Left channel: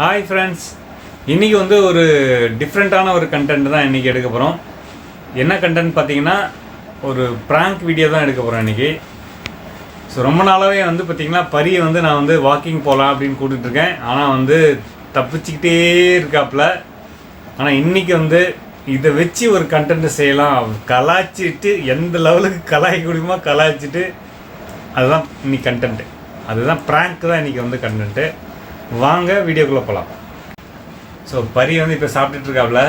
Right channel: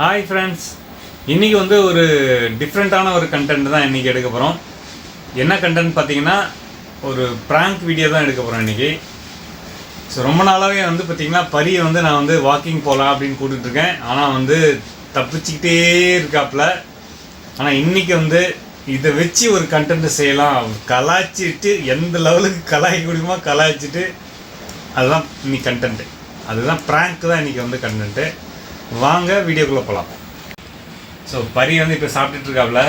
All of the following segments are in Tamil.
ஹாய் ஃப்ரெண்ட்ஸ் இன்றைக்கி வந்து ஒரு டிஃப்ரெண்ட்டான ஒரு கண்டென்ட் தான் இன்றைக்கி எடுக்க போகிறோம் என்ன கண்டென்ட் பார்த்தீங்கன்னா ஒரு ப்ராங்க் வீடியோ தான் எடுக்க போகிறோம் இன்றைக்கி ஸோ ரொம்ப நாளாகவே வந்து பார்த்திங்கன்னா பரியை வந்து நான் வந்து வாக்கிங் போகலாம் அப்படின்னு கூட்டிகிட்டு இருக்கேன். ஆனால் வந்து தப்பிச்சுக்கிட்டே இருக்காப்புல. ஆனால் இன்றைக்கி வந்து இதை வச்சு ஒரு கண்டென்ட் செய்யலாம். கலாய்ச்சிட்டு எந்த லெவலுக்கு கலாய்க்க முடியுமோ கலாய்ச்சிட்டு அதுதான் இன்னைக்கு கண்டென்ட்டு அதுதான் ப்ராங்க் தான் இன்றைக்கி வந்து கண்டென்ட்டு வாங்க வீடியோக்குள்ளே போகலாம் ஸோ பரி வந்து இப்போ சாப்பிட்டுட்ருக்காப்புல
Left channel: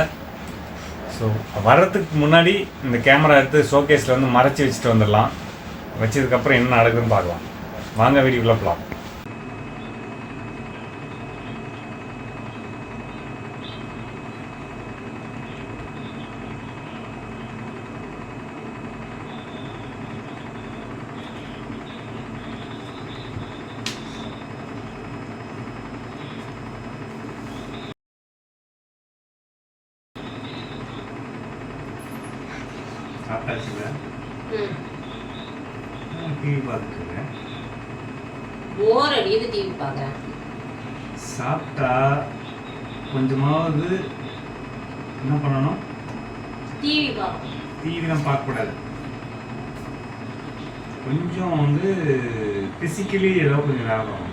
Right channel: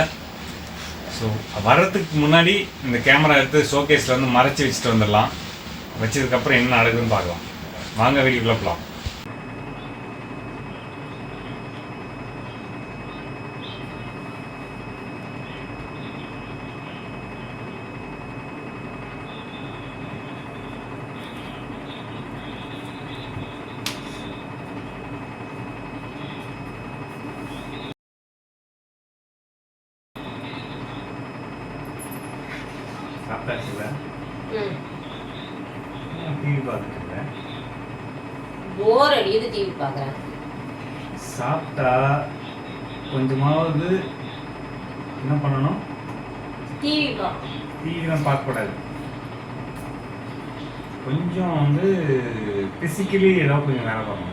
ஸோ வர்றதுக்கு முன்னாடி இந்த கேமரா எடுத்து ஷோகேஸில் வந்து மறைச்சி வச்சுட்டு வந்துடலாம். வச்சதுக்கப்புறம் என்ன நடக்குதுன்னு பார்க்கலாம். வாங்க வீடியோக்குள்ளே போகலாம் சாப்பிட்டாச்சுல ம். டிவி பார்த்துட்டு போர் அடிக்குது டிவி பார்க்குறேன் சாப்பிட்டா கொஞ்சமாவது என்ன பண்ணணும் டிவி பார்ப்பேன் டிவிலாம் பார்க்கக்கூடாது கொஞ்சம் வந்து ஃபிசிக்கலி ஏதாவது கொஞ்சம் வேலை பார்க்கணும்.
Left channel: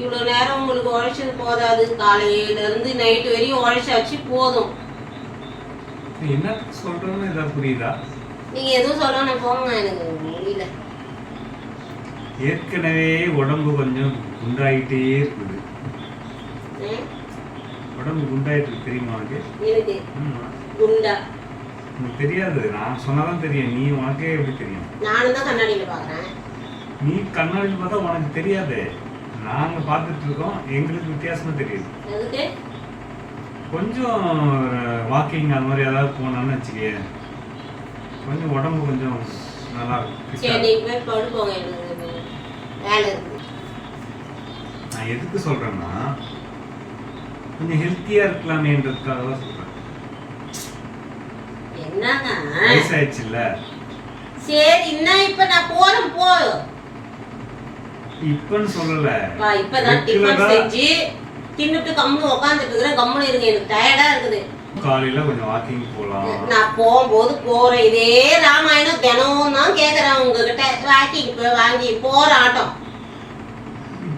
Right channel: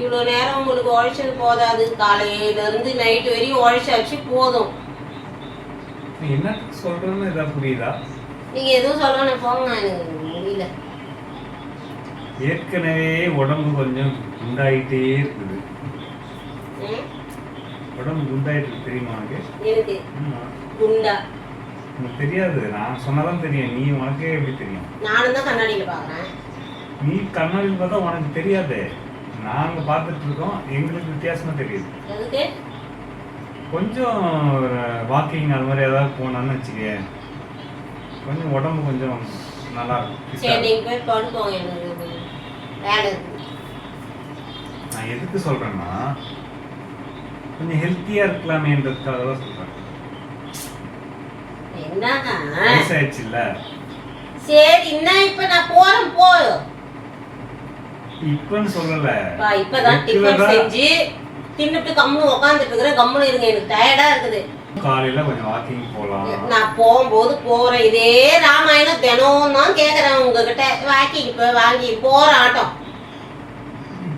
இவ்வளோ நேரம் உங்களுக்கு உழைச்சது போதாது. காலையிலேருந்து நைட்டு வரையும் உழைச்சாச்சு போதும். நீ என்னத்துக்கு சொல்கிறேன்னு ஏதாவது புரியுதா? நீங்கள் எதுவும் சொல்லணும் போங்க எனக்கு முடியல. ஏற்கனவே உடம்பு கொஞ்சம் குண்டாயிட்டே இருக்குது? உடம்பு குண்டாயிட்டு தெரியுமா உனக்கு? எனக்கு. குண்டா? உனக்கு தெரியாது. நான் சொன்னாதான் தெரியும். நீ உனக்கே எப்படி தெரியும்? நானும் தான் கண்ணாடியில் பார்க்குறேன். நீ கண்ணாடியில் பார்த்தா உனக்கு தெரியாது. நாங்க பார்த்துட்டு இருக்கோம். எங்களுக்கு வித்தியாசமா தெரியுது. கொஞ்சம் வாக்கிங் அது மாதிரி ஏதாவது போனோன்னு வச்சுக்க. கொஞ்சம் உடம்பு கொஞ்சம் நல்லா. நீங்கள் நான் எதுக்கு சொல்றேன்னா கொஞ்சம் ஹெல்த்தியா இருக்கலாமேன்றதுக்காக தான் என்னங்க வயசாயிடுச்சுல்ல? சரி என்ன இப்போ நான் இப்பன்னு சொல்லல. பா இப்பதான் டிஃபன் செஞ்சு தின்னுட்டு கம்முன்னு உட்காந்துட்டு இருக்கிறேன் கம்முன்னு இருங்க எனக்கு டயர்டா இருக்குது. காலையில கொஞ்சம் வாக்கிங் போகலாம் நான் போகும்போது போறேன். இதே ராமாயணம் தினம் தான் கேக்குறேன் உங்ககிட்ட. வாக்கிங் இப்ப வாங்கி போற ஆட்டம்.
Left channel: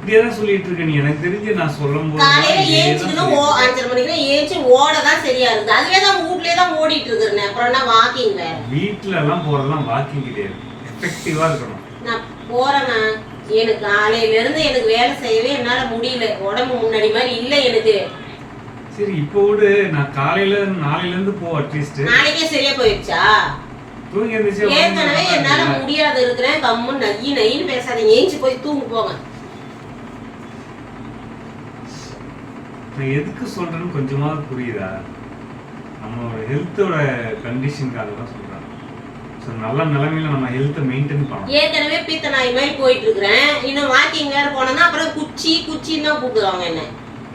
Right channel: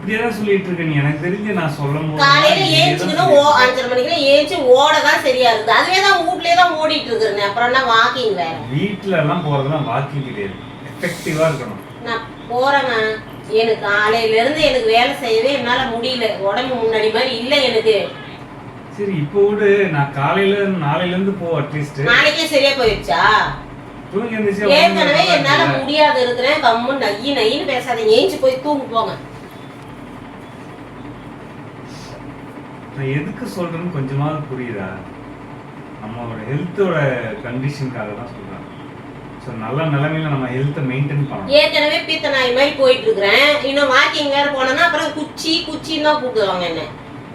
இப்படியே தான் சொல்லிட்டு இருக்க நீ. எனக்கு தெரிஞ்சு நான் சொல்லும் காலையில போது ஏஞ்சுக்கணும் ஓ அஞ்சரை மணிக்கு ஏஞ்சி ஓட தான் சரியா இருக்குது அதுவே தான் வீட்லயே தான் ஓடிட்டு இருக்கிறேன். அப்புறம் என்ன வாக்கிங் வேற? வீட்ல எல்லாம் போறதெல்லாம் வாக்கிங் கிடையாது எஃபெக்டிவா இருக்கணும். நான் போறேண்ணா எனக்கு காலையில இருந்து எனக்கு வேலை செய்யவே என்னால முடியல. உடம்பு முன்னாடி மாதிரி இல்லை எனக்கு. சரி இப்போ விடு. நான் காலையில நாளையில இருந்து போ அட்லீஸ்ட் நாளைக்கே சரியா போயிடுச்சா? தூங்கி எந்திரிச்சு ஏற்கனவே என்னால முடியாது இருக்கிறேன். கம்முன்னு நையி நையின்னு பேசாதீங்க. ஏஞ்சி போய் தூங்கு போங்க. நான் எதுக்கு சொல்றேன்னு கொஞ்சமாவது புரியுதா? நம்மளோட ஹெல்த்தோட கண்டிஷனுக்காக தான் சொல்றேன் ஸோ நல்ல நிலைமையில நம்ம ஹெல்த்தை மெயின்டைன் பண்ணணும். ஏற்கனவே பீத்த நாய் மாதிரி போயிட்டு இருக்கிறேன் இன்னும் வாக்கிங் வேற போனேன்னா அப்புறம் குச்சி குச்சின்னு தான் கூப்பிடுவாங்க என்ன.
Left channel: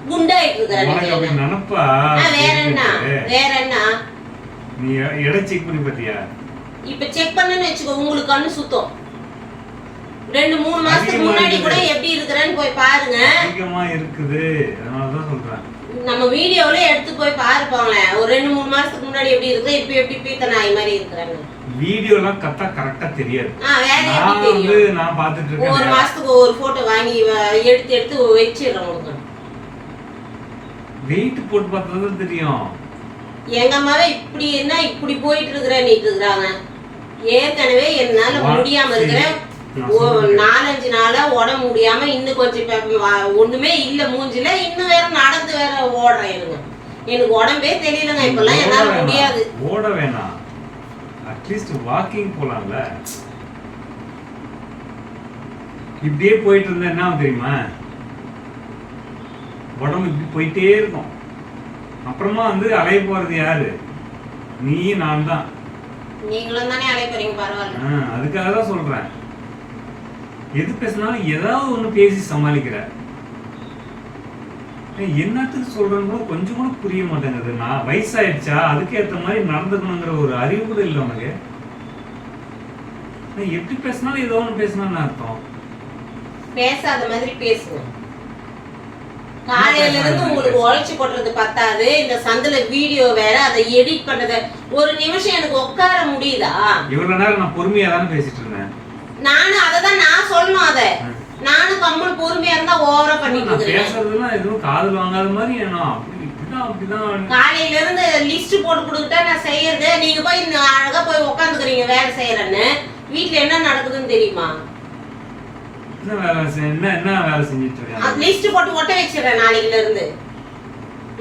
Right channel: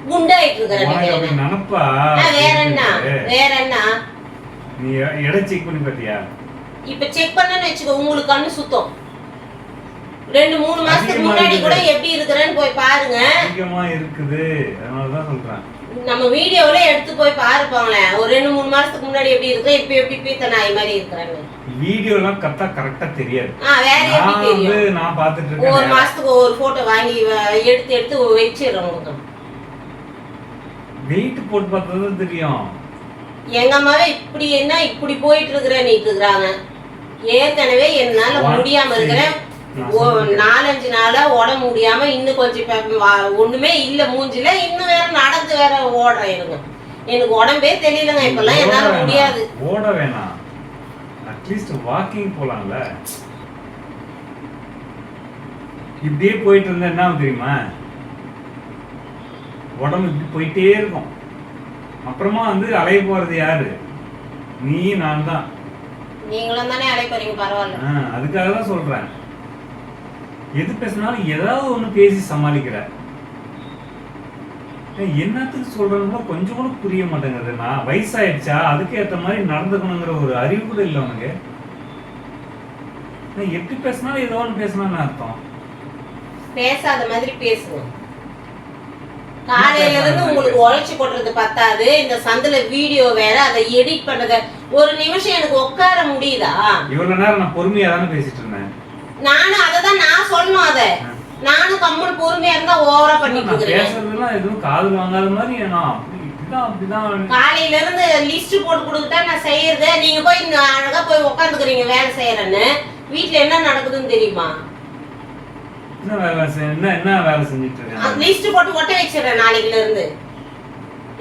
குண்டாயிட்டு இருக்கிறேன் நினப்பா? வேற என்ன? வேற என்ன? நீ எடை செக் பண்ணி பார்த்தியா? இப்ப செக் பண்ணேன்னு வச்சுக்கோ உங்களுக்கு கண்ணு சுத்தம். ரெண்டு மூணு மாசத்துக்கு முன்னாடி கூட. எப்படி இருக்கிறேன்னு போய் பாருங்க. அதிகமா இருக்குது. அதனால தான் சொல்றேன். நம்ம வீடியோல எடுத்து போய் பாருப்பாங்களேன் ஒரு ரெண்டு மூணு மாசத்துக்கு முன்னாடி எப்படி இருக்கு இப்ப எப்படி பீத்த நாய் மாதிரி இருக்கிறாங்க. வீடியோலாம் கரெக்டா கரெக்டா தெரியாது. வேற எப்படி தெரியும்? நான் பார்த்துட்டு ஒவ்வொரு இருக்கேன் மாசத்துக்கு ஒரு போட்டோ வாங்கி எடுத்து எடுத்து வச்சிடுறோம் உங்களுக்கு. வெயிட் போட்டு பார்த்தா தெரியும். எங்க அம்மாவே இப்படி என்ன இப்படி போயிட்டு இருக்கிறேன்னு இருக்கிறாங்க. ஏற்கனவே என்னால முடியாம இருக்கிறேன். நாலஞ்சு நாளா உடம்பு முடியாம இன்னும் கொஞ்சம் ஒண்ணுமே இல்ல மூஞ்சில இன்னும் வேற நடந்து வேற ஓடுறேன் இருங்க எனக்கு உடம்பே தெரியலங்க இப்பெல்லாம் என்னால. முடியாது. ஓட வேணாம். அட்லீஸ்ட் வாக்கிங் போலாம்ல. இப்படியே போயிட்டு இருந்தா என்ன தெரியுமா? உடம்பு இப்படி போயிட்டே இருக்கும். அப்புறமா வந்து அலைய போறது யாரு? நீ நான் தான் நீங்களும் தானே அழைப்பறீங்க பரவாயில்ல. ஆ, அதுக்காக தான் சொல்றேன். எது பேசினாலும் ஏதாவது ஒண்ணு பேசி சமாளிக்கிற என்னத்துக்கு சொல்றேன்னு கூட கொஞ்சம் கூட புரிய மாட்டேங்குது. நான் வயசாயிடுச்சா? அதுக்கு ஏத்த மாதிரி நடந்துக்கணுங்கிற ஒரு அறிவு கூட இல்லை உனக்கு. எப்படி பேசினாலும் ஏதோ ஒன்று பேசினான்னு அர்த்தம். பேசாத மாதிரி பேசுங்க. காலையில இருந்து உங்களுக்கு உழைச்சு கொட்டுறது பத்தாது. இந்த சந்தில வீடியோ வேற அதை எடிட் பண்றத ஒரு நிமிஷம் எனக்கு உட்கார முடியுதா? இவ்வளவு நேரம் நான் பொறுமையா தானே பேசிட்டு இருந்தேன். நானும் அதை தான் நான் சொல்லணும் அத. நானும் கம்மல் பொறுமையா இருந்தா ஓவரா பண்ணிட்டு பேசுறதெல்லாம் எதுவும் காதுல வாங்காத மாதிரி நான் காலையில இருந்து லிஸ்ட் போட்டு கொடுத்துட்டா நான் செய்யறது. நீங்க போய் அழகா போய் உட்காந்துக்கிறீங்க வேலை செய்யறேன்னு. வீட்ல என்ன நடக்குதுன்னு தெரியுமா? என்ன வேலை என்ன என்ன வேலை செஞ்சுட்டு இருக்கேன் லிஸ்ட் போட்டு ஒட்ட வச்சிடுறேன் நாளைக்குல இருந்து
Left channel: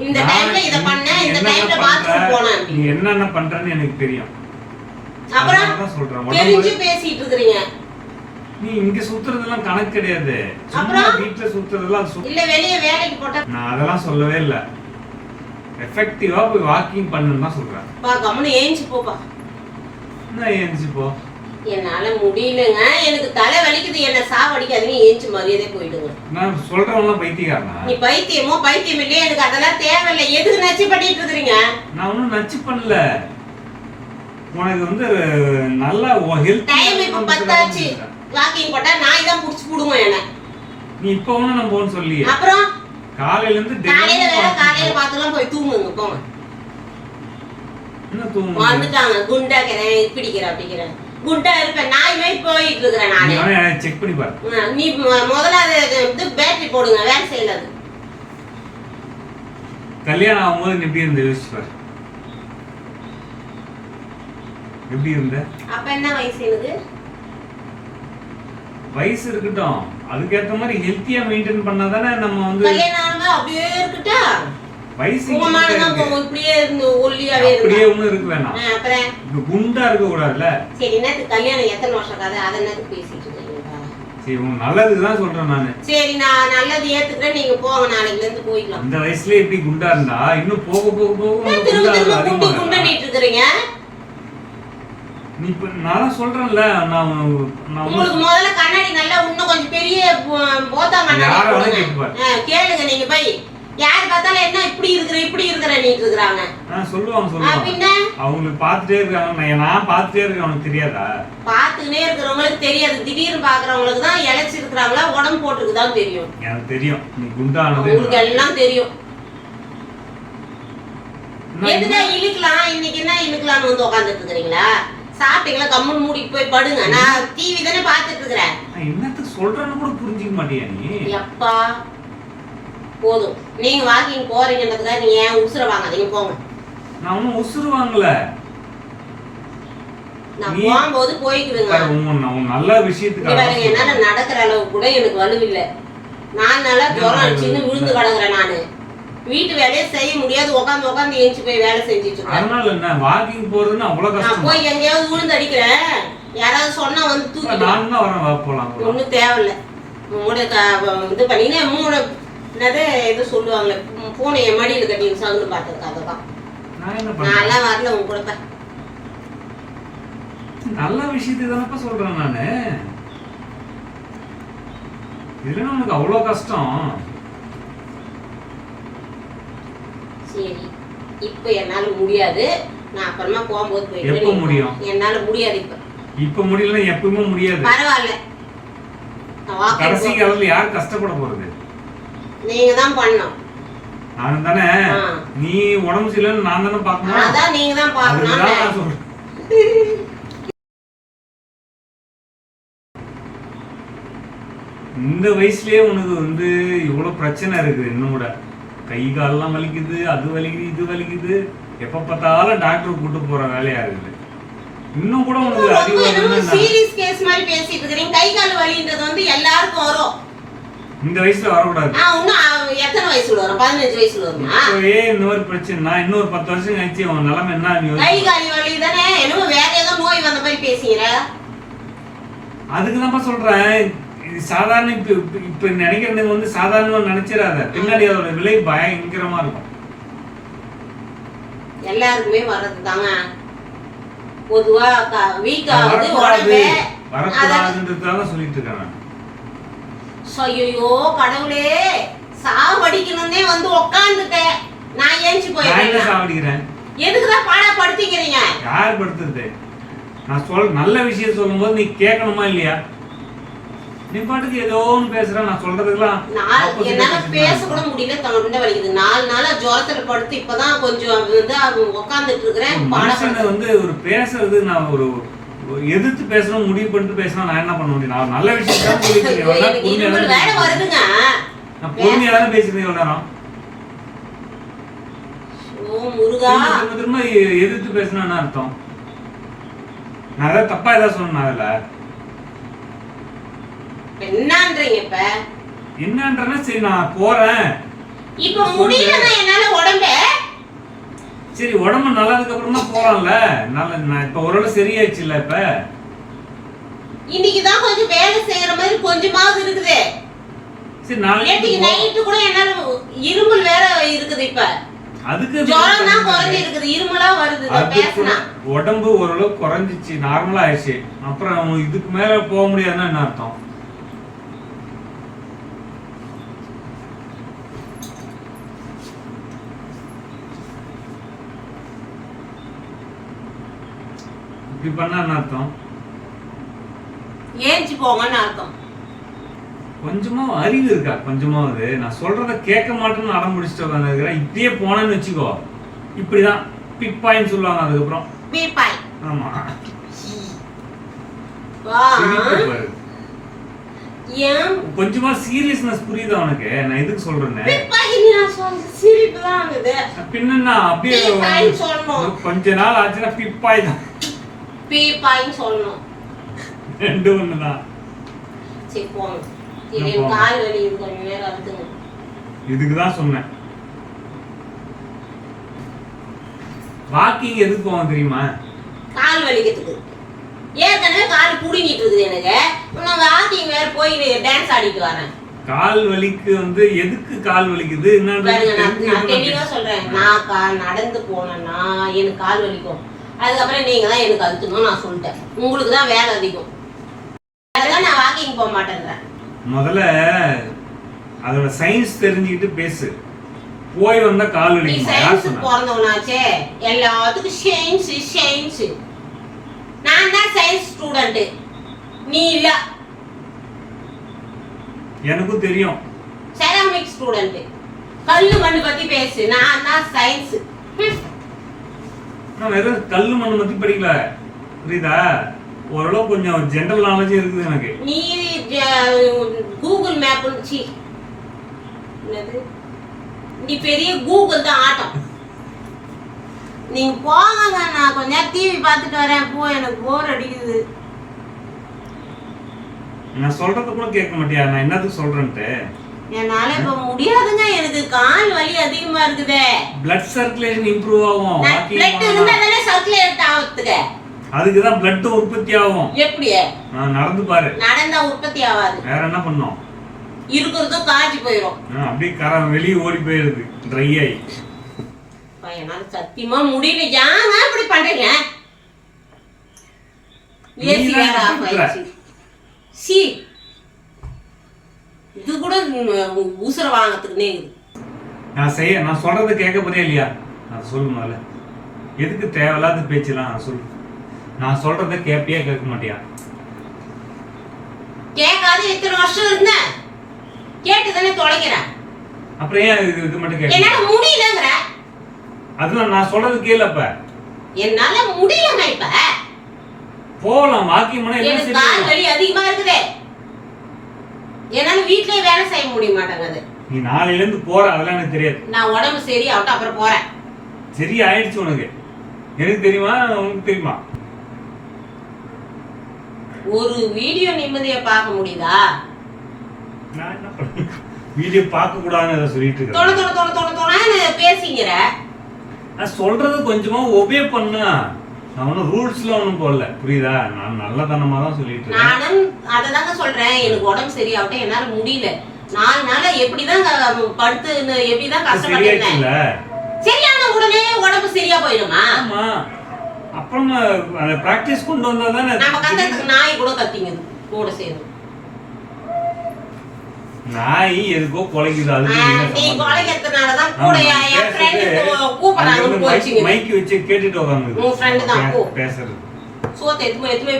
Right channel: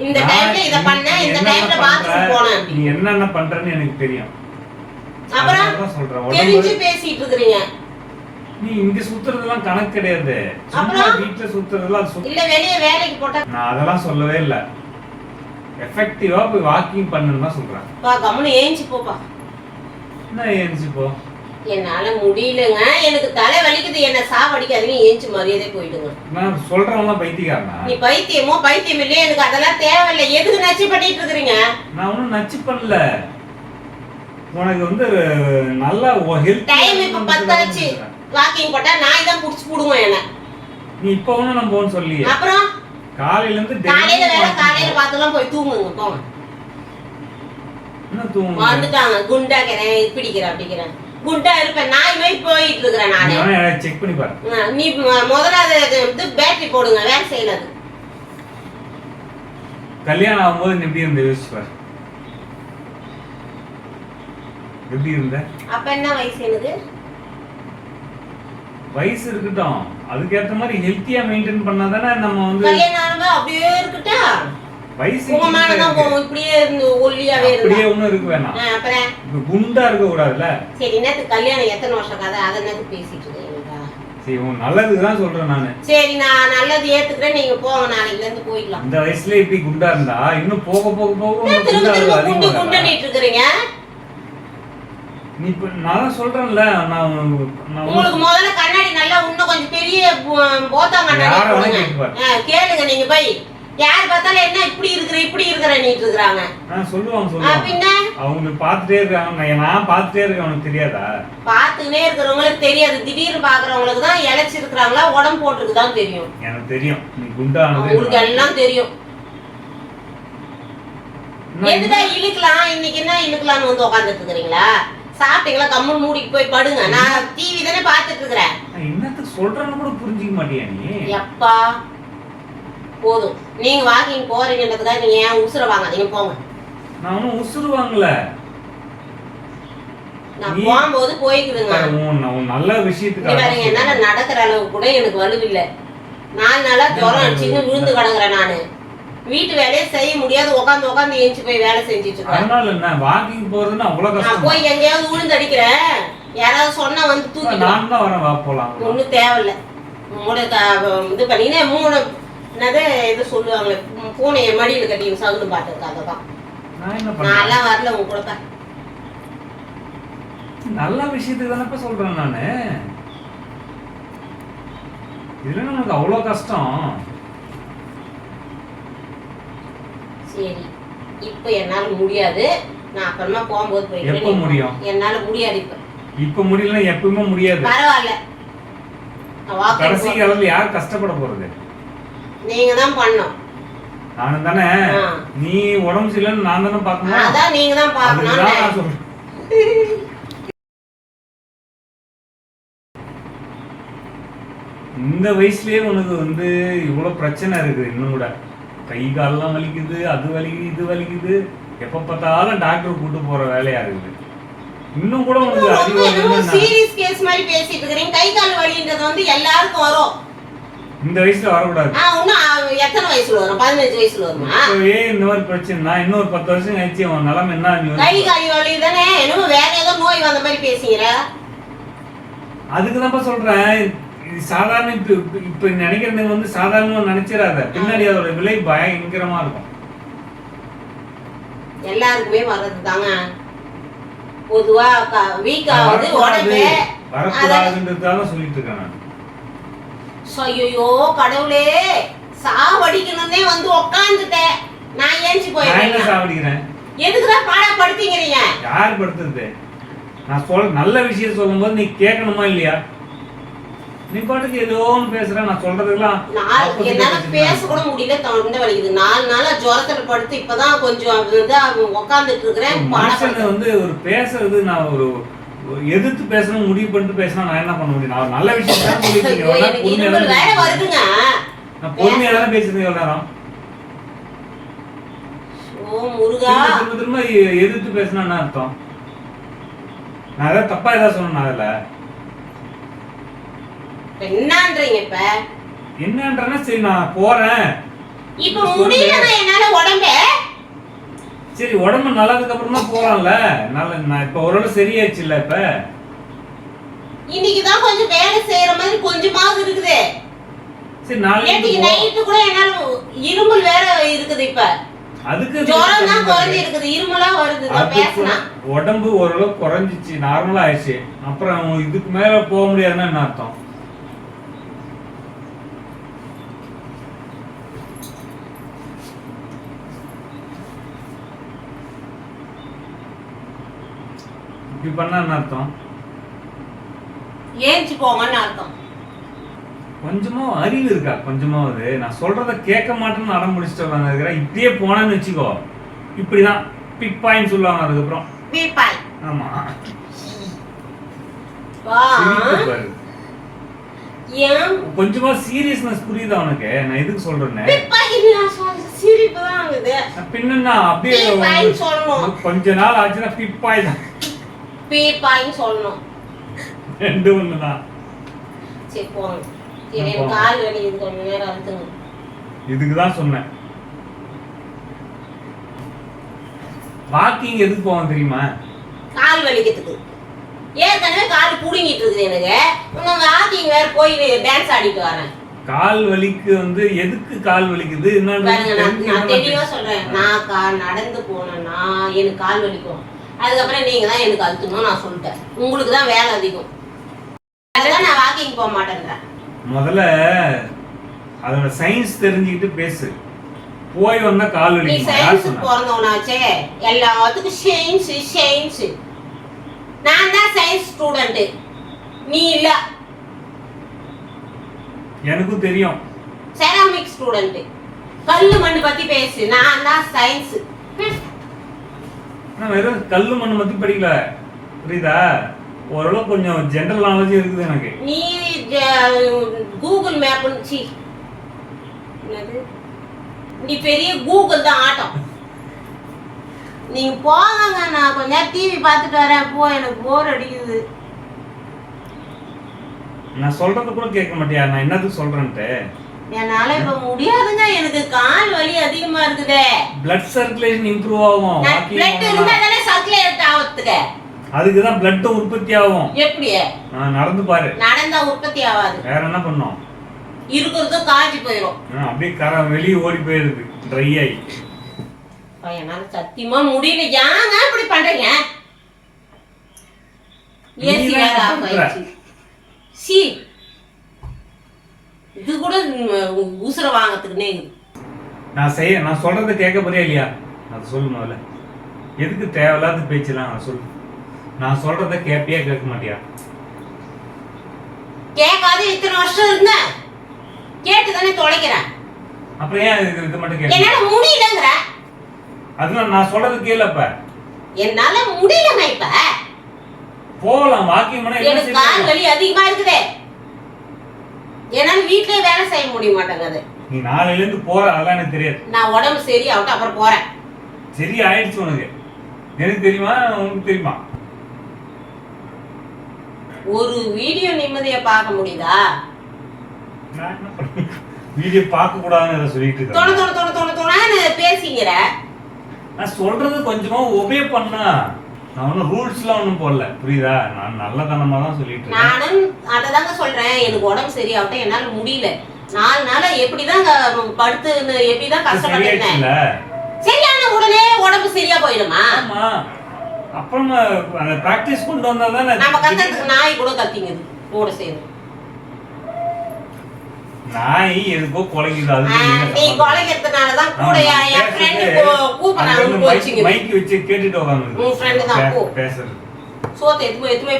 இந்த டைம்ல இத பண்ணேன் இந்த டைம்ல பாத்ரூம் போனேன் நீ என்னென்ன பண்றன்னு எனக்கு தெரியும். அப்புறம் தெரிஞ்சு பேசிட்டு இருக்கிறீங்க. நீ இங்க சுத்துறதெல்லாம் கணக்கு கிடையாது. சும்மா அப்புறம்? வீட்டுல சுத்துறதெல்லாம் அது சுத்த- இல்ல வெளிய வேலைக்கு போட்டா நான் அதெல்லாம் சொல்லவே இல்ல. எஃபெக்டிவா போய் வாக்கிங் பண்ணுன்னு தான் சொல்றேன். பா கம்முனு ஏஞ்சி போப்பா என்ன ஏஞ்சி போ? என்னால முடியலங்க. எனக்கு தலை வலிக்குது. என்ன சாவடிக்காதீங்க. ஏஞ்சி மரியாதை போயிடுங்க. நான் சொல்றவங்க பைத்தியக்காரனா? நீ பைத்தியமோ பைத்தியம் இல்லையே எனக்கு அதெல்லாம் தேவையில்லை. எதுக்கு நச்சு பண்ணிட்டு இருக்கிறீங்க? நான் ஒன்றும் நச்சு பண்ணல. உனக்கு வந்து நல்லா ஹெல்த் டைம் இப்ப பத்தாச்சு. வாக்கிங் போட்டா நாய் தான் புடிச்சு புடுவோம் என்ன. நீ இப்ப ஒண்ணும் நம்ம போன்னு சொல்லியே அப்புறம்? காலையில இருந்து காலையில வேற காலையில பார்த்துலாம் போய் தூங்குங்க போங்க. என்ன தூங்கு வந்துட்டாங்க. குண்டாக்கிறேன் பிடிக்கிறேன் அப்படிக்கிறேன் குண்டா இருப்பேன். நாய் மாதிரி போயிட்டு இருக்கிறேன் நானு. செக் பண்ணி பாரு. நீ முதல்ல அது இது பேட்டரி போடுங்க. வேலை செய்யல அது. கல்யாணம் ஆகும்போது நீ எப்படி இருந்த? யோசிச்சு பாரு. எப்படி இருந்த? அப்ப என்ன வயசு எனக்கு? வயசு இருக்கட்டும். அதுக்கேத்த மாதிரி ஹெல்த்தியா மெயின்டைன் பண்ணாதானே நம்ம வந்து கல்யாணம் அப்படியே இருக்கட்டா? வயசு இப்படியே இருந்து ஒல்லியாவே அப்படியே ஒண்ணும் இருக்க வேணாம். ஆ, அப்புறம்? குண்டா இருக்க சரி என்னத்துக்கு கல்யாணம் எத்தனை வருஷம் கதை? அதை என்னத்துக்கு பேசிட்டு சரி உன் நல்லதுக்கு தான் சொல்றேன் நானு. சரி நான் நல்லது ஏத்துக்கிறேன். நீங்க போங்க நாளைக்குல இருந்து போய்க்கலாம். இந்த வயசுல இப்படி குண்டா இருந்தா இன்னும் போக போக போக குண்டா இருக்கிறீங்க? நீ இப்ப நான் சொல்றேன்ல நான் உங்களுக்கு முதல்ல கண்ணாடி நல்லா இன்னும் கொஞ்சம் பெரிய போத்தா கண்ணாடி கேளுங்க நீங்க போய். யார் பார்த்தாலும் என்ன இப்படி இருக்கிற இப்படி இருக்கிற நீட்டு இருக்கிறாங்க. சொல்லுவாங்க சொல்லுவாங்க. பின்ன? அவங்களுக்கு பார்த்துட்டே இருக்காங்க. நான் பார்த்துட்டே இருக்கேன் அவனுக்கு தெரியாதா? பாத்துக்கினே இருக்கிறவங்களுக்கு தெரியாது. திடீர்னு பாக்குறவங்களுக்கு தான் இழைச்சி இருக்கிறாங்களா உடம்பு போட்டுருக்கு தான் தெரியும். எனக்கு தெரியும். நீ குண்டானது உங்களுக்கு எல்லாம் தெரியும். நான் எதுதான் இழுக்கலாம்? இன்னைக்கு என்ன இழுக்கலாம்னு வந்து உட்காந்துட்டு இருக்கிறீங்களா? சாப்பிட்டீங்களா? கம்முன்னு மூடிட்டு போய் படுங்க. நான் டிவி தானே பார்த்துட்டு இருக்கிறேன் என்னத்துக்கு சொல்றேன்னு கூட புரிஞ்சுக்க மாட்டியா நீ? எப்பா? போதும். நீங்க வாக்கிங் போறீங்கன்றதுக்காக நீங்க ஏன் உசுர வாங்காதீங்க போங்க. நான் ஒன்றும் உசுறு வாங்கல. நான் நீ- போகும்போது போய்க்குதுங்க பாரு, உன் உன் நல்ல விஷயத்துக்காக என்னால நடக்கிற அளவுக்கு கூட எனக்கு வலுவில்லை நாலு நாளா ஜுரம் அடிச்சுன்னு விழுந்து கிடக்குறேன் நானு. வீட்டு வேலையை செய்ய முடியாது. உட்காந்து உட்காந்து ஏஞ்சி போய் வேலை செஞ்சுட்டு அதனால என்ன? வாக்கிங் போறதுன்னா அவ்வளவு நான் கஷ்டம். போய் எங்கேயாவது விழுந்து அடிக்கிறேன். யாராவது சொன்னா வந்து தூக்கிட்டு நான் தான் வரேன்? போலாம். ஒன்றும் தேவையில்ல. த- இது பண்ணினே மூணு என்னது இது சொல்லுவாங்களே பூ- பூனையை மடியில் கட்டி சகுனு பார்த்ததுக்காக தான். நான் என்ன பண்ணேன் நான்லாம் வரல உங்க கூட தான். நல்ல விஷயத்துக்கு தானப்பா சொல்றேன் நானு. இதுல உனக்கு அவ்வளவு கஷ்டம். சரி இப்போ என்னால முடியாது. நான் அப்புறமா போகும்போது போயிட்டு எப்போ முடியும்? என்னால முடியாது இப்ப. இப்ப முடியலன்னா எப்பவுமே முடியாது. பரவாயில்ல. நான் கடைசி காலத்துல யார் கஷ்டப்பட போறது? நீங்க தான் பண்ணணும். நான் தானே. ஆ. நீ உடம்பு சரியில்லைன்னு நான் தானே பார்க்கணும்? அதான் நீங்க தான் அதுதான் நான் பார்க்கணும் சொல்றேன். இந்த வயசுலயே உனக்கு வந்து இவ்வளவு பிரச்சனை இருக்குது இன்னும் கூட. கை காலெல்லாம் வலிக்குது அது வலிக்குது இது வலிக்குது. எப்ப பார்த்தாலும் டாக்டர் கூட்டு போற வேலையா இருக்குது. இன்னும் கூட உனக்கு அறிவு சீரியஸ் கேஸ் மாதிரி பேசிட்டு இருக்கிறீங்க கை கால் வலின்றது வந்து எல்லாருக்கும் வரும். இந்த வயசுல வரக்கூடாது. எத்தனை வயசுல வரும்? பதினஞ்சு வயசுல வருமா? இப்பவே இந்த மாதிரி பிரச்சனை. நான் இன்னொரு பத்து வருஷம் கழிச்சு உன் நிலைமை என்ன நீ கை. கால் வலி தானே. என்னமோ வேற ஏதோ நோய் வந்த மாதிரி பேசுகிற அதுக்கு சொல்றேன். இது சாதாரண இப்ப இப்ப- நினைக்கிறதுங்க வந்து சாதாரணமா நினைச்சிடாத. பின்னாடி அதோட விலை பயங்கரமா இருக்கும். எல்லாருக்குமே வர்றது தாங்க பொதுவா வீக் ஆகுது உடம்பு வரக்கூடாதுன்றதுக்காக சொல்லிட்டு இருக்கேன் நான். ஐயோ கடவுளே சாவடிக்கணும்னே வந்து உக்காந்துட்டேன். நான் ஏஞ்சி போயிடுறேன் சாவடிக்கிறேன்? எதுக்குதான் பாடப்படுத்திக்கிறீங்க யார் படுத்துறது? நான் சொல் நல்ல விஷயம் சொல்லும்போது நீ கேட்கணுமா இல்லையா? நீ பாட்டுக்கு ஏதோ ஒன்று பேசுற நான் சொல்றதுக்கெல்லாம் என்னால பேச. கூட முடியல தொண்டை வலிக்குது. நாலு நாளா ஜுரத்துல படுத்து இப்பதான் கொஞ்சம் வந்து உட்காந்துட்டு ஒரு இருக்கிறேன் மனுஷனை வந்து ஒரு பேசுறது நான் ஒரு எதிர்த்து பேசணும் முடிவு பண்ணிட்டு பேசினா நான் என்ன பண்ண முடியும்? நான் நல்ல விஷயம் தான் வருதுங்க. இருக்கேன். நான் பொறுமையா தானே பேசுறேன் இவ்வளவு நேரம்? திரும்ப திரும்ப எதிர்த்து பேசினா என்ன அர்த்தம்? நான் ஏதாவது தப்பா ஏதாவது சொன்னேன் அதுல? என்னன்றீங்க இப்ப? என்னன்றேன்னா சரி நான் போறேன். இப்ப முடியலங்க என்னால உடம்ப? சரி உடம்பு நல்லதுக்கு அப்புறம் தான் போறான்ல. நல்ல நான் இப்ப ஓரளவு சரியாச்சுல்ல இப்ப? இன்னைக்குதான் கொஞ்சம் வேலை செய்யற மாதிரி கொஞ்சமாவது இருக்குது. சரி நாளைக்கு. நைட்டு கூட என்னால இருமல் வேற இருக்குது இப்ப. அதுக்கு ஜுரம் தான் குறைஞ்சி இருக்குது இருமலா வருது பேசினா. உடம்பு ஓரளவு குறைஞ்சிச்சு நார்மலா ஆயிடுச்சு. அப்புறம் இதுக்கு மேல போக முடியாதுன்னா என்ன அர்த்தம்? இப்படி பண்ணா என்ன அர்த்தம். ஏஞ்சி போங்கன்னு அர்த்தம். கொஞ்சமா அறிவு இருக்கா? கொஞ்சமாவது நான் சொல்றத கேட்க மாட்டேன்னு அடம் முடிச்சுட்டு உட்காந்துருக்கிறேன் இப்படியே போனேன்னு வச்சுக்கோ. இப்படிதான். பிக் பாயிண்ட் சொல்லுவாங்க அதுக்கப்புறம். பீப்பாய் ஆமா. வா. சிரிப்பு பாரு. ஏன்? கொஞ்சமா சீரியஸ்னஸ் புரியுதா உனக்கு? நான் எதுக்கு சொல்றேன்னு? பீப்பாய் நான் சொல்ற சிரிப்பு தான் ஆகுது. பின்னா அப்படியே பீப்பாய்ன்னு சொல்லணும். கொஞ்ச நாள் ஆச்சுன்னா பிப்பாய் தான். பீப்பாய்ன்னு சொல்லணும். ரெண்டு ஒண்ணுதான். சரி போங்க. சரி எனக்கு. கால் வலி இது கொஞ்ச நேரம் இருக்குங்க இதுக்கு தான் சொன்னேன். வாக்கிங் எதுக்கு போவோம் தெரியுமா? கால் வலிக்கிறதுக்கு. ஏற்கனவே கால் புடுங்கிட்டு இருக்குது எனக்கு. இன்னும் வாக்கிங் வேற போய் டான்ஸ் ஆடிட்டு வரேன். கால் வலிக்கு வந்து எதுக்கு கால் வலிக்குது? நான் நான் என்னன்னு தெளிவா சொல்றேன். நான் கா நடந்து போனேன்னா எனக்கு கால் வலிக்கும். அதுக்கப்புறம் நீங்க தான் எனக்கு அழுத்தணும் நான் சொல்லிட்டேன். உங்களுக்கு தான் வேலை அதிகம். அதுதான் நான் வாக்கிங் போக மாட்டேன்றேன். முதல்ல அதோட சயின்ஸ் தெரிஞ்சுக்கிட்டு பேசு. போய் வந்தா கால் யார் சயின்ஸ் பிறந்தவனாச்சே? எல்லாத்துக்கும் சயின்ஸ் சயின்ஸ் நான் தான் சயின்ஸ் ஸ்டூடெண்ட் நீ இல்ல. எனக்கும் தெரியும். செராமிக் ஸ்டூடெண்ட் கல்லு மண்ணு பத்தி பேசு. நான் தான் சயின்ஸ் நான் வெறும் கல்லு மண்ணு பத்தி படிக்கல. புரியுதா? ஓரளவு கொஞ்சம் ஜென்ரல் நாலேஜ் இருக்குது எனக்கு. நீ கூகுள் மேப் சி. என்னது? நீ பெரிய கூகுள் தான் ஆட்டம் நீங்க போங்க நான் கொஞ்ச நேரம் டிவி பார்த்துட்டு வரேன். போ எனக்கு போர் அடிக்குது. நான் சொல்றத கூட கேட்க மாட்டியா? நான் என்னத்துக்கு சொல்றேன்ட்டு? என்னால இப்ப முடியாதுங்க எனக்கு கால் வலி அதிகமா இருக்குதே. Blood சர்க்குலேஷன் இம்ப்ரூவ் ஆகும்? பிளட் இருந்தா தானே சர்க்குலேட் ஆகுதுங்க அதுக்கு தான் blood உற்பத்தி ஆகும். எப்படி? நடந்து பாரு. நடந்தா உற்பத்தி ஆகாது. வேற என்ன பண்ணும்? இருக்கிறதும் காய்ச்சி போயிடும் அப்படியே கர வெளியே ஓடி போயிருது ட்ரை ஆகி என்னால சத்தியமா முடியல. ஏங்க இப்படி பண்றீங்க? ஏசி வேற ஆஃப். ஆயிடுச்சு. சி இது கூட உசுர வாங்கறதுக்குன்னே இருக்குது நான் செய்ய நான் சொல்றத கேட்க போறியா இல்லையா? அதை சொல்லு முதல்ல. எதுக்கு தேவையில்லாத பேச்சுலாம் நான் சொல்லு. நான் சொல்றத கேட்பியா கேட்க மாட்டியா? கேட்காத இத்தனை வருஷம் இருந்தேன் கேட்டு தானே தொலைக்கிறேன். அப்புறம் ஏன் இது இது மட்டும் கேட்க என்னால முடியலங்கிற. அதுதான் நான் சொல்றது கேளு அப்ப என்னால முடியலங்க இப்ப. போகலாம் வாக்கிங் பண்ணா எனக்கு கால் வலி அதிகமா இருக்குது. என்னால வீட்லயே வேலை செய்ய முடிய மாட்டேங்குது. நீ நாளையில இருந்து போற அதெல்லாம் எனக்கு தெரியாது. நான் உடம்பு சரியாகட்டும் அப்புறம் போறேன். சரி ஆயிடுச்சு உனக்கு. எனக்கு தெரியுமா உனக்கு தெரியுமா? ஒரு வீடியோ நிம்மதியா பார்க்க முடியுதா? நான் என்ன பண்ண வீடியோ பார்க்க கூடாதுன்னு அதை சொல்லிட்டு தொண இருக்கேன் தொண தொண தொண தொணன்னு பேசிங்கிற நான் சொல்றது கொஞ்சமா ஒபே பண்ணா. நான் ஒன்றும் ரூல்ஸ்லாம் ஒன்றும் போடல. புரியுதா? நான் நல்லதனமா தான் சொல்லிட்டு இருக்கேன். நானும் அதை தாங்க சொல்றேன். எனக்கு உடம்பு சரியாகட்டும் என்னால முடியல. நாலு நாளா எப்படிதான் க- படுத்து எப்படிதான் கஷ்டப்பட்டேன் சரியாச்சுல்ல சரியான உடனே உடம்பு சரியா போயிடுமா? ஆமா. அப்புறமா அந்த பிராக்டிஸ் கொண்டு வந்தா தானே? நம்ம கத்துறதுக்கு நாய் கூட கத்திங்குது கூட சேர்ந்து நாய் எதுக்கோ குலைக்குது என்ன நீ? கொலைக்கிறதுனாலதான் கூட என் ஃப்ரெண்டு கூப்பிடுறாங்க mic வச்சு கேட்டுட்டு. உன் தான், பே-. பேசுறது. சோத்தை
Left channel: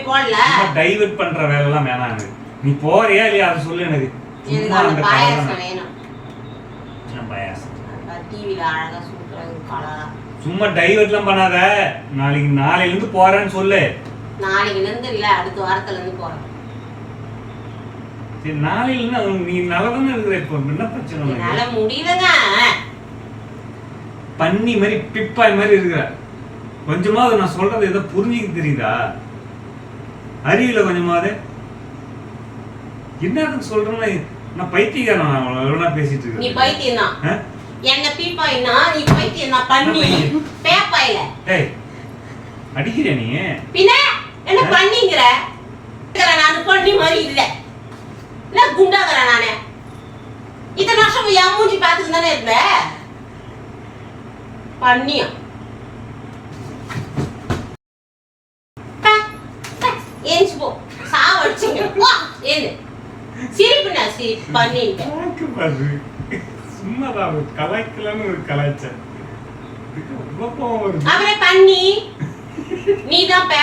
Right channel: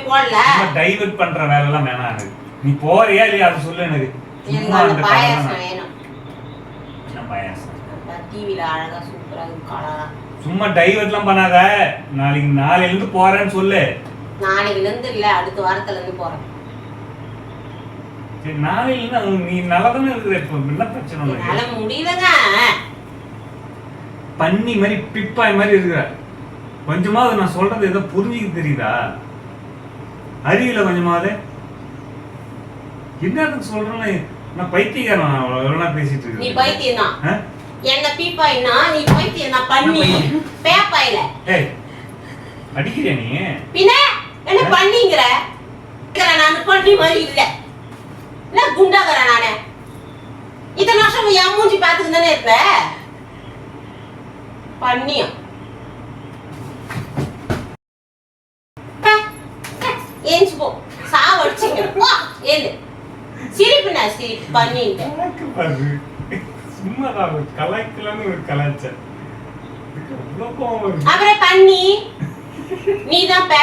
போடல. டைவர்ட் பண்ற வேலை எல்லாம் வேணாம் எனக்கு. நீ போறியா இல்லையா அதை சொல்லு எனக்கு. எனக்கு சும்மா அந்த அந்த பாயாசம் கலர் வேணும். என்ன பாயாசம். டிவியில் அழகா சூப்பரா கலரா சும்மா டைவர்ட்லாம் பண்ணாத. நாளைக்கு நாளையில இருந்து போறேன்னு சொல்லு. நாளைக்குல இருந்து இல்ல அடுத்த வாரத்துல இருந்து போறேன். சரி நாளையில நீ நல்லா தானே இருக்கிற இப்போ? என்ன பிரச்சனை முடியலங்க. பன்னி மாதிரி பிப்பாய் மாதிரி இருக்கிற. கொஞ்சமாவது நான் சொல்றது ஏதோ புரிஞ்சுக்க தெரியுதா? அறிவில கொஞ்சமாவது. என்னதுக்கு சொல்றேன் நான் பைத்தியக்காரன் எவ்வளவு பேசிட்டு நீ இருக்கேன். பைத்தியம் தான் ஆ? என்ன பீப்பாயினா நீ பைத்தியம் பண்ணி நான் பைத்தியம். பேப்பாயில. ஏய் அடிக்கிறியா நீ? பின்ன என்ன பண்ணிங்கிற நான் பண்ணி மாதிரி இல்ல. இல்ல குண்டாகிறேன் நானு. இத்தனை வருஷம் என் மூஞ்சி பார்த்துக்கு தானே இருப்ப பண்ணியும் ஏஞ்சி போ. சாவடிச்சிங்க. போ ஏழு. சிரிப்புண்ணா சிரிப்பு. பண்ணிட்டு கணக்கு பாரு சும்மா தான் கலாய்க்கலான்னு ஒரு வருது. அப்புறம் பண்ணி. நீ தான் பே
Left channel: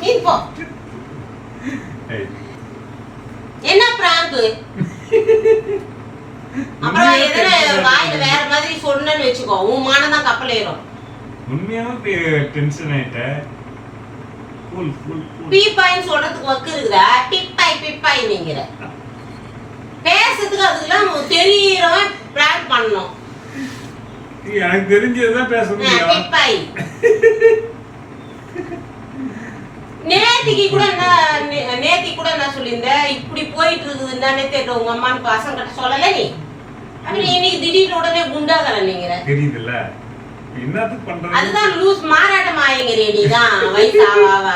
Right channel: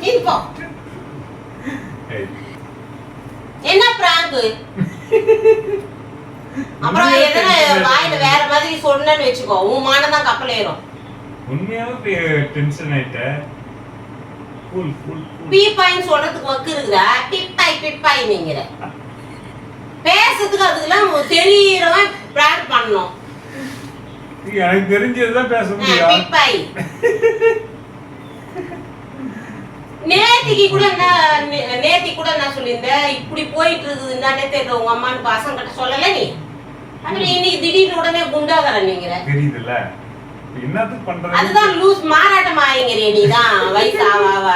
நீ போ. ஏய், என்ன பிராங்க்? அப்புறம் எதனா வாயில. வேற மாதிரி சொன்னேன்னு வச்சுக்கோ. உன் மானம் தான் கப்பல் ஏறும். உண்மையாவே டென்ஷன் ஆயிட்ட. கூல் சொல்றதுக்கு வக்கு இருக்குதா? பிப்பாய் பிப்பாய் நீங்கிற பேசுறதுக்கு அதுக்கெல்லாம் தெரியறவன் பிராங்க் பண்ணணும். எனக்கு தெரிஞ்சதுதான் பேச முடியும். பிப்பாய். நேத்திக்கு கூட என்ன நே- நேத்திக்கு கூட என்ன சொல்லியிருந்தேன் இப்படி போயிட்டு இருக்குது என்னன்னே தெரியல உங்க அம்மான்னு பசங்க கிட்ட சொல்லல நீ? அப்புறம் இன்னைக்கு திடீர்னு உடனே குண்டாகல நீங்கிற தெரியுதுல்ல. என்னத்துக்கு பண்றது? அதுதான் லூஸ் மாறாட்டம் ஆயிங்கிறிய நீ தான் வயசு ஆவ ஆவ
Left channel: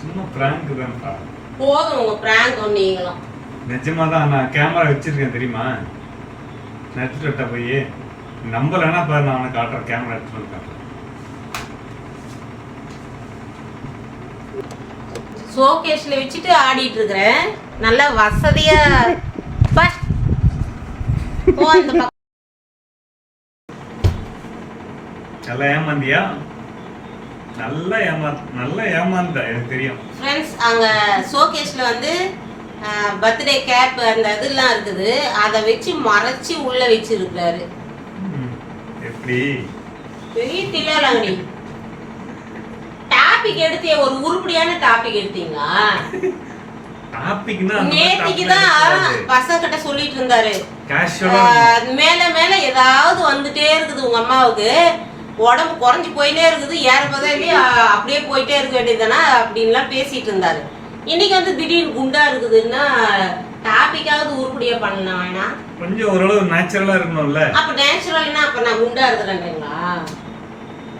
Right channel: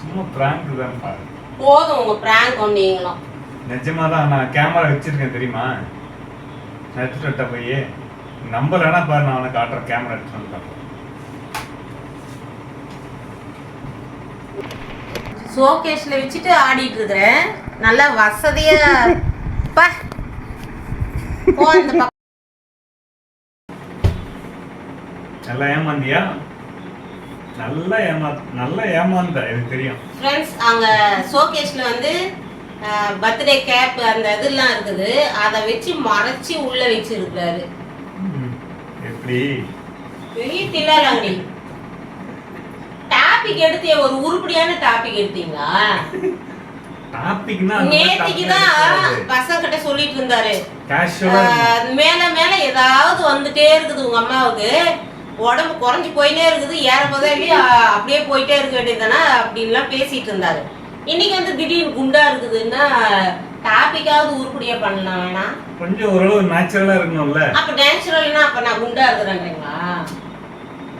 சும்மா பிராங்க் தான்ப்பா. போதும் உங்க பிராங்க் நீங்களும். நிஜமா தான் நான் கேமரா வச்சிருக்கேன் தெரியுமா? வரட்டா போய்? நம்பலன்னா பாரு நான் அவனை காட்டுறேன் கேமரா எடுத்துட்டு வந்து ஷோகேஸ்ல வச்சுட்டு ஆடிட்டு இருக்கிறேன் நல்லா வசதியா பா. போ அந்த பக்கம். நல்லா ஏமாந்தியா? நல்லா ஏமா நல்லா ஏமாந்த எனக்கு தெரியும். ஃப்ரெண்ட்ஸ் அங்க ஷோகேஸ்ல வந்து பர்த்டே கேப் அந்த இதெல்லாம் இருக்குது. அதை வச்சு மறைச்சு உள்ள வச்சிருக்காரு. எப்படி? பெரிய தில்லாலங்கடி டாபிக் எடுத்து ஒரு உருப்படியான டாபிக் எடுத்தீங்களா? நேத்திக்கு தான் பசங்க கிட்ட சொல்லிட்டு இருந்தாரு. மேல மேல ஏதாவது வந்துட்டே இருக்குது உங்க அம்மாவுக்கு. உடம்பு குறைஞ்சு போயிட்டே இருக்குது. ஏற பதவி அப்படியே போயிட்டே இருக்க வேண்டியதுதானே அப்படின்லாம் பேசிட்டு இருந்தாரு. இன்னைக்கு வந்து திடீர்னு குண்டா இருக்குதுன்னா டாபிக்காவது உருப்படியா பண்ணலாம் வேணாம் கொஞ்சம் ஓரளவு நேச்சுரலா இருக்கணும்ல. அப்ப நேச்சுரல்னா அப்ப நான் குண்டா இருக்கிறேன்றீங்களா?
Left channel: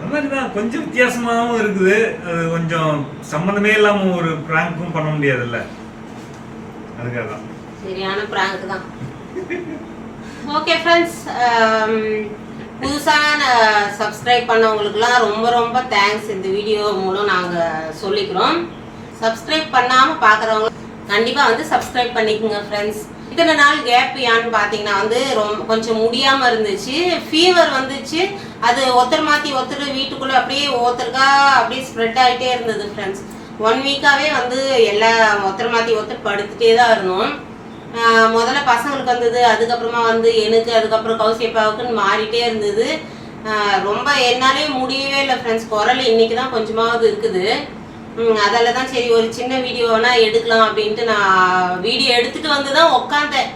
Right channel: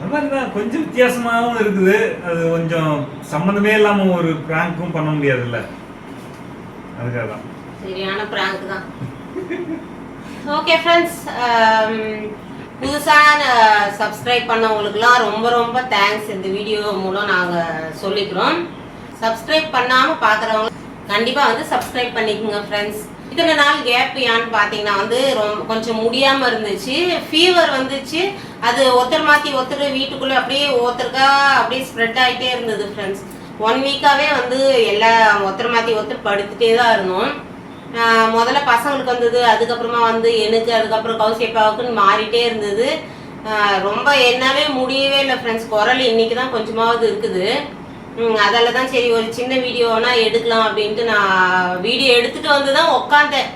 அது தான் கொஞ்சம் வித்தியாசமாகவும் இருக்குது. அது கொஞ்சம் சம்மந்தமே இல்லாம ஒரு ப்ராங்க்கும் பண்ண முடியாதுல்ல. அதுக்காக தான். சரியான பிராங்க் தான் ஓகே ஃப்ரெண்ட்ஸ் um, புதுசாக சப்ஸ்கிரைப் uh, பண்ணவங்களுக்குலாம் ரொம்ப ரொம்ப தேங்க்ஸ் இந்த வீடியோ மூலம் நாங்கள் சொல்லிக்கிறோம். சப்ஸ்கிரைப் பண்ணாமல் பார்க்குறவங்க கண்டிப்பாக வந்து சப்ஸ்கிரைப் பண்ணிக்கோங்க ஃப்ரெண்ட்ஸ் இத்தனை நாள் கேப் ஏன்னு பார்த்தீங்கன்னா வந்து ரொம்ப கொஞ்சம் முடியாமல் இருந்துச்சு. ஃபீவர் வந்துச்சு. அது ஒருத்தர் மாற்றி ஒருத்தர் வீட்டுக்குள்ளே அப்படியே ஒருத்தருக்கா அப்படியே ஸ்ப்ரெட் ஆகிட்டே இருந்தது ஃப்ரெண்ட்ஸ் ஒன் வீக்காகவே வந்து எல்லா ஒருத்தர் மாற்றி ஒருத்தர் படுத்துட்டே தான் இருந்தோம். முதல்ல பசங்களுக்கு வந்தது அதுக்கப்புறமா வந்து எனக்கு அதுக்கப்புறம் கௌசியப்பாவுக்குன்னு மாறிட்டே இருந்தது. ரொம்ப என்னாலே முடியவே இல்லை ஃப்ரெண்ட்ஸ் குரல் இன்னைக்கு தான் கொஞ்சமாவது இருக்குது. அதில் தான் சரி ஒரு சின்ன வீடியோனா எடுக்கலாம் அப்படின்ட்டு நான் வீடியோ எடுத்துட்டு வந்து தான் உக்காந்தேன்.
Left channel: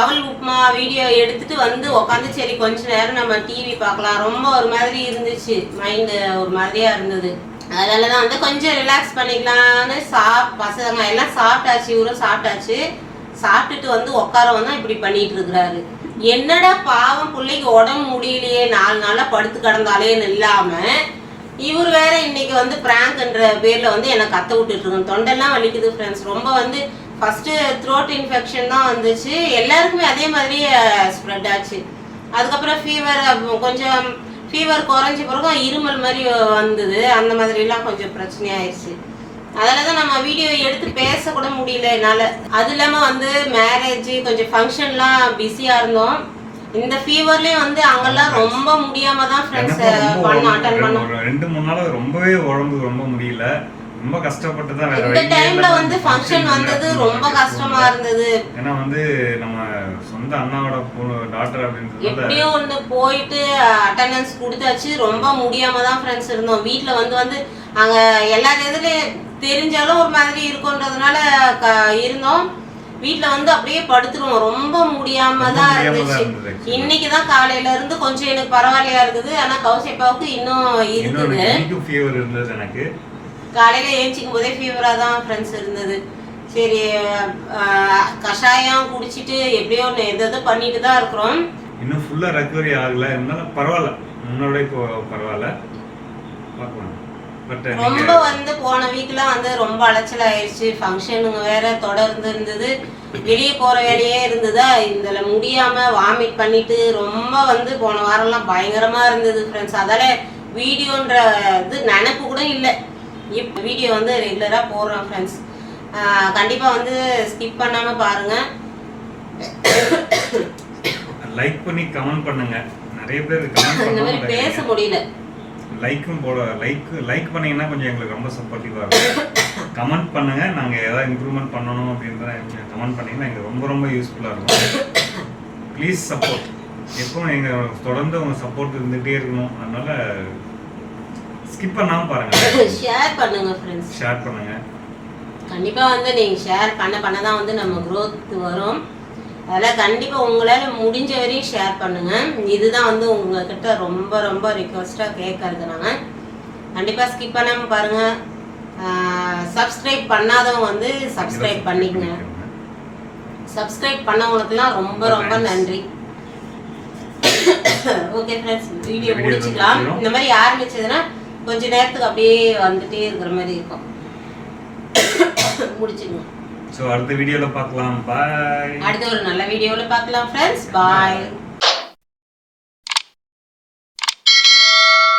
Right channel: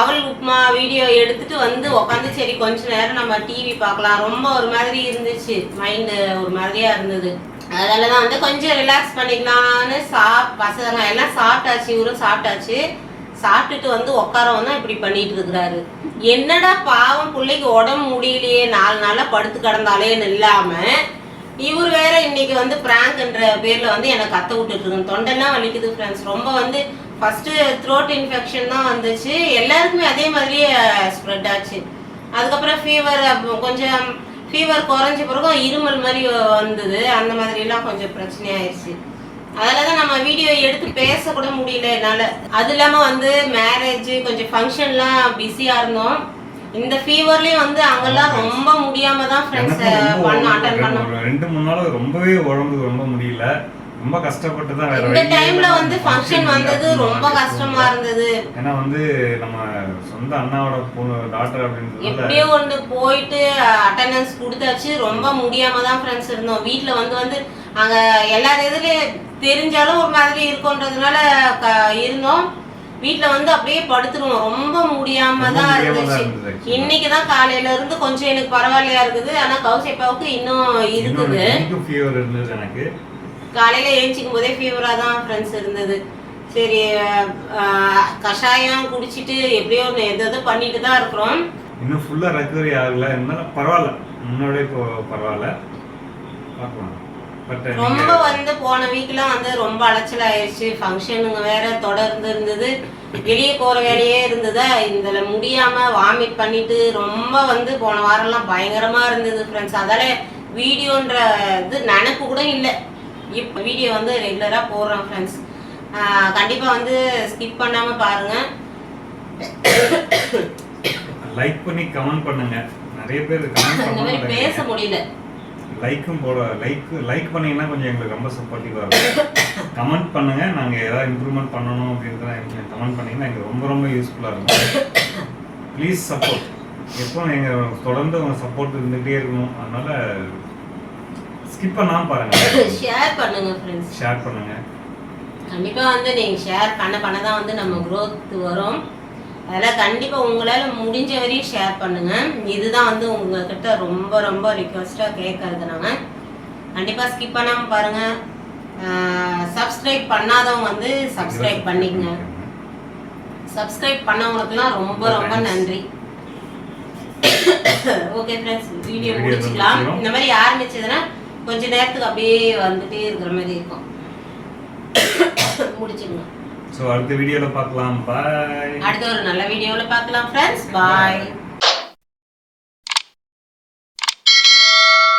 அவல் உப்புமா வீடியோ எடுத்துட்டு வந்து உக்காந்து சரி கொஞ்ச நேரம் நம்ம டிவி பார்க்கலாம். ரொம்ப ஒரு மாதிரி இருந்துச்சு. மைண்டு ஒரு மாதிரியா இருந்தது. அதனால தான் வந்து கொஞ்சம் ரிலாக்ஸ் பண்ணிக்கலாம்னு சாப் பசங்க எல்லாம் சாப்பிட்டாச்சு இவரும் சாப்பிட்டாச்சு. சாப்பிட்டுட்டு வந்து உட்காரவன் தான் இப்படி பண்ணிட்டு இருக்கிறாரு. என்னடா பாவம் பிள்ளைக்கு உடம்பு முடியலையே நாலு நாளா படுத்து கிடந்தாலேன்னு இல்லாமல் இவர் வேற இன்னைக்கு வந்து பிராங்க்ன்ற பேர்ல வந்து எனக்கு கத்த விட்டுட்டு இருக்கோம் தொண்டெல்லாம் வலிக்குது ஃப்ரெண்ட்ஸ் ரொம்ப வந்து ஃபர்ஸ்ட் த்ரோட் இன்ஃபெக்ஷன் தான் வந்துச்சு. எல்லாருக்குமே அதே மாதிரியே ஸ்ப்ரெட் ஆச்சு. அதுக்கப்புறம் ஃபீவர் கொஞ்சம் ஃபீவர் குறைஞ்ச பிறகு இருமல் மாதிரி வந்தது. அந்த மாதிரிலாம் கொஞ்சம் பிரச்சனையாயிருச்சு. அதில் தான் நம்ம வீடியோ எடுத்து பேசக்கூட முடியல என்னால். அது இல்லாமல் வந்து மேரேஜ் கொஞ்சம் ஃபங்க்ஷன்லாம் பிஸியாக இருந்தோம். இந்த ஃபீவர்லேயும் வந்து அங்கெல்லாம் ரொம்ப முடியாம தான் ஃப்ரெண்ட்ஸ் பண்ணோம் அட்டன் பண்ணோம் ஒரு ரெண்டு மூணு நாள் ரொம்பவே உடம்பு ரொம்ப முடியல. ரொம்ப கஷ்டப்பட்டு தான் வேற இந்த டைம்ல வந்து ஃபங்க்ஷன் வந்தது. ரொம்ப கஷ்டமா இருந்தது. ஏன்னா வந்து நம்ம சொந்த அண்ணாவோட பொண்ணு டாக்டர் அப்படின்றதுனால எப்படியோ வந்து போயிட்டு அட்டெண்டன்ஸ் கொடுத்தாச்சு. ரொம்ப முடியாம தான் ஃப்ரெண்ட்ஸ் இருந்தோம். வீட்ல வந்து வந்து அங்க எல்லா இதுலயும் தெரிஞ்சாலும் ஒரு மாதிரி இருக்குன்றதுனால இருந்தோம். வீட்ல வந்து அப்படியே படுத்துருவோம். ரொம்ப முடியாம தான் இருந்துச்சு. இன்னைக்கு தான் காலையில இருந்து கொஞ்சம் எனக்கு பரவாயில்லையா இருக்குது. ஆனா கௌசிப்பாவுக்கு இன்னும் இருக்குது. இன்னைக்கும் ஃபீவர் இருந்தது எனக்கு. காலையில ஏஞ்சிக்கும் போதே ஃபீவரா தான் ஃப்ரெண்ட்ஸ் இருந்தது. சரி கஷாயம் குடிச்சிட்டு எப்படியோ எது எதோ பண்ணிட்டு தான் இருக்கிறோம். இன்னும் ஃபுல்லா ரெக்கவரி ஆகல. இருந்தாலும் பரவாயில்ல. முன்னோட இப்போ பரவாயில்ல. பார்க்கலாம். ரொம்ப வந்து போன வீக்லாம் வந்து ரொம்ப அலைச்சல் ஆயிடுச்சு ஃபங்க்ஷனுங்க வேற தொடர்ந்து இருந்தது. வெளியே போற வேலையே இருந்ததா? இதுல முடியாம வாமிட் பண்ணிட்டு ரொம்ப வந்து போன வாரம்லாம் பயங்கரமா இருந்தது ஃப்ரெண்ட்ஸ் அதால வீடியோன்ற இது நினப்பு கூட இல்லை. இப்போ வீடியோ வந்து ரெகுலரா போடுறோம் ஃப்ரெண்ட்ஸ் கண்டிப்பா வந்து ஸ்கிப் பண்ணாம பாருங்க. லைக் பண்ணி கமெண்ட் பண்ணுங்க. நிறைய பேர் கமெண்ட் பண்ண பேச முடியல. லைக்கும் போட லைக் லைக் பண்ணீங்கன்னா கொஞ்சம் எங்களுக்கு ரொம்ப சப்போர்ட்டிவாக இருக்கும். கமெண்ட் பண்ணுங்க நாங்க ஏதாவது இம்ப்ரூவ்மெண்ட் பண்ணணும் அப்படின்றத கமெண்ட் பண்ணீங்கன்னா எங்களுக்கு ரொம்ப ரொம்ப யூஸ்ஃபுல்லா இருக்கும். ப்ளீஸ் சப்போர்ட் எப்பவும் எங்க தொடர்ந்து உங்க சப்போர்ட் இருந்துகிட்டே இருக்கணும். அதனால ஸ்கிப் பண்ணாம பாருங்க. ஷேர் பண்ணுங்க ஃப்ரெண்ட்ஸ் ஷேர் பண்ணுங்க. கண்டிப்பா வந்து நீங்க ஷேர் பண்ண பண்ண தான் வந்து நம்ம growth வரும். அதெல்லாம் கண்டிப்பா உங்களால முடிஞ்ச வரையும் ஷேர் பண்ணுங்க. இதுதான் வந்து உங்ககிட்ட ரொம்ப ரொம்ப ரிக்வஸ்டா கேட்கறது நாங்க கண்டிப்பா ஸ்கிப் பண்ணாம பாருங்க. சப்ஸ்கிரைப் பண்ணாதவங்க வந்து சப்ஸ்கிரைப் பண்ணிக்கங்க. சப்ஸ்கிரைப் பண்ணவங்களுக்குலாம் ரொம்ப ரொம்ப நன்றி. ஓகே ஃப்ரெண்ட்ஸ் வீடியோ முடிச்சுக்கலாம். இந்த மாதிரி ஆரம்பிச்சதுன்னா கொஞ்ச நேரத்துக்கு அப்படியே வந்துட்டே இருக்கிற மாதிரி இருக்கும். முடிச்சிடணும் ஸோ அடுத்த வீடியோவில் பார்க்கலாம். பாய் அடுத்த ஒரு நல்ல வீடியோவில் பார்க்கலாம் ஃப்ரெண்ட்ஸ் பாய்